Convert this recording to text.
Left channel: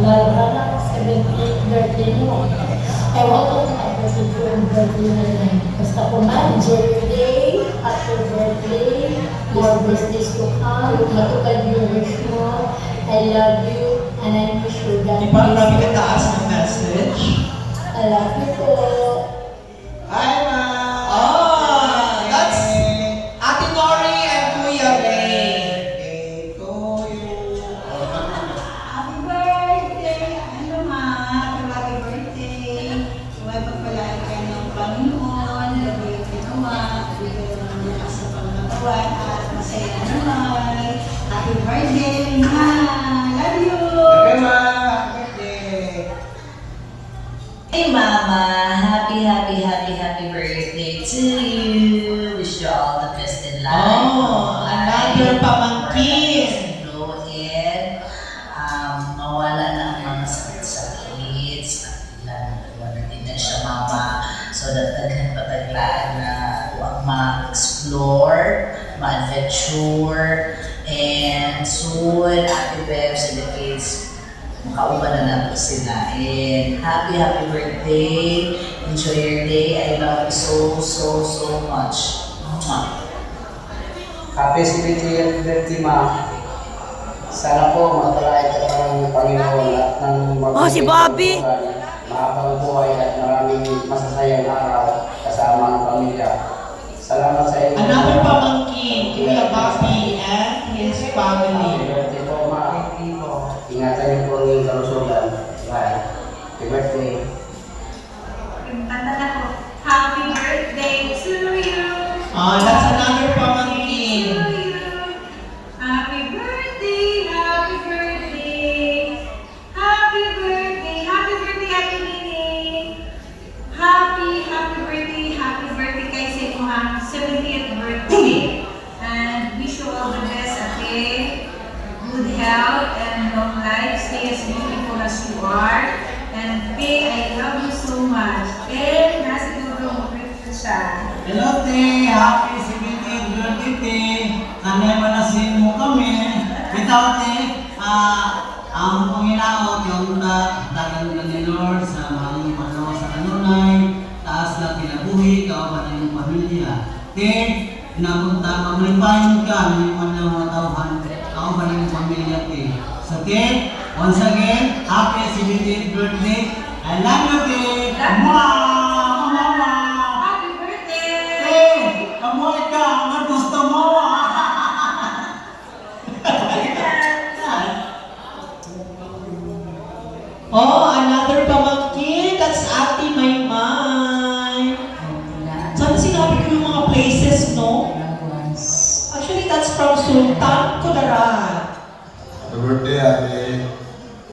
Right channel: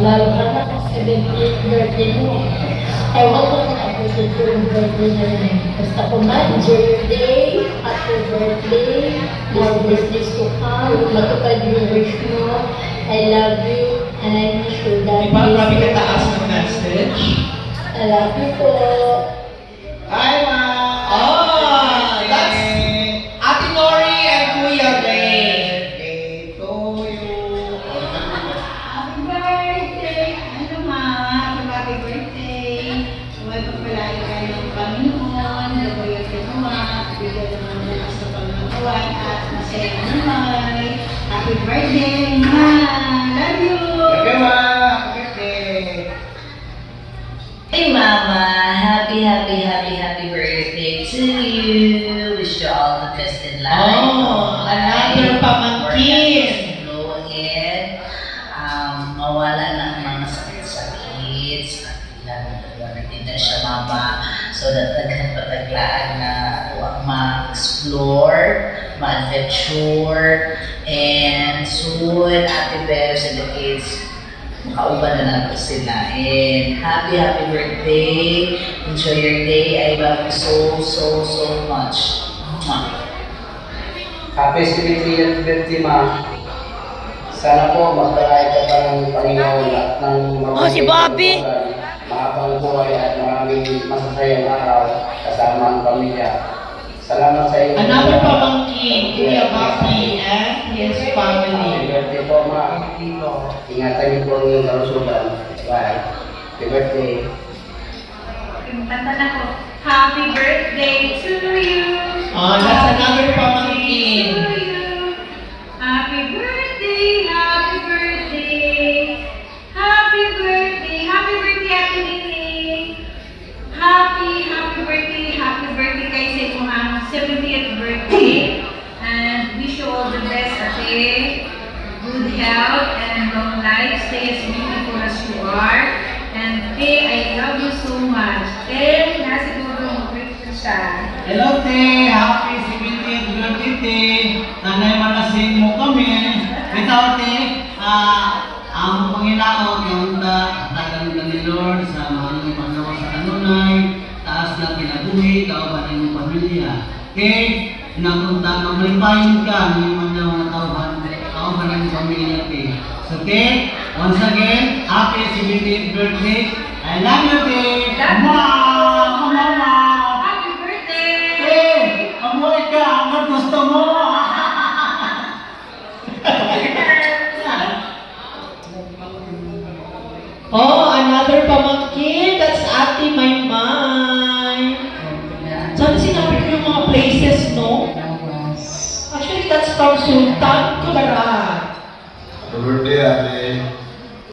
lalo ka na kasi 70th birthday mo. Ewan ko kung abutin ko yung birthday na yun. Basta kung enjoy your day, happy birthday, more birthdays to come, matupad yung wish mo, I love you, and I wish you that. Di ba kami kataas ng message? I love you po. Hi, Ma! Oh, that's Ate Nori and Kuya Ray. Birthday to you. Happy birthday! Ano ma? Happy birthday! Huwag pagpalain kayo ng Panginoon, gabay ang ginawa, bigyan ng mga sa Panginoon at masaya naman. Happy birthday, ma! Love you! Happy, Ma! Happy birthday! Hey Mama, happy birthday to you. Wish you all the best in life. Oh, another pamangkin. Flowing. Mawala na ang mga sakit-sakit. Wala din na siya mama. So that nagpataglaan na huwag ma-explore, ma-adventure, and soon, Ate Bebs and the kids, makauban na natin sila. And happy birthday. Enjoy your day. I love you so much. Mwah. Happy 70th birthday, Ma. Sana po magpalay ka pa ng Panginoon at ng Oh, si Bobby! Mahabang buhay at maraming masasayang araw kasama ang pamilya. Salamat sa inyo. Another pamangkin, Kuya Bobby and his Happy family. birthday po, Ma. Ingatan niyo po ang inyong kalusugan. Bye. Happy birthday. Kanta na po. Happy birthday to you! Oh, that's another To pamangkin. you. Happy birthday! Happy birthday! Happy birthday! Happy birthday, Ate Nining! Happy birthday kay sa inyong 70th birthday. And wish you all the best, Ate. Good health and long life. Stay as beautiful as you are. And Te, I love you so much. Te, nasa dulo mo ko siya. Hello, Te! Happy 70th birthday, Te! Sana'y malasing mo kami. Ikaw, Te, ang Panginoon, yung dagan na ni Lord sa mahal ng paggawa sa kanunay, taas na kinabuhi, kauban ng iyong pamilya. Te, napunta, maglimpahin ka ng mga tauhan, kauban ng iyong pamilya, Te. So, Te, once again, happy 70th birthday. I love you, Te! Mama! Happy birthday! Eh, amoy ka, ang gusto mo. Oh, another pamangkin. That's Ate Maymay. Saan sinabi ko yung mga places, no? Actually, that's from Sultan Kudarat. Happy birthday, Ate.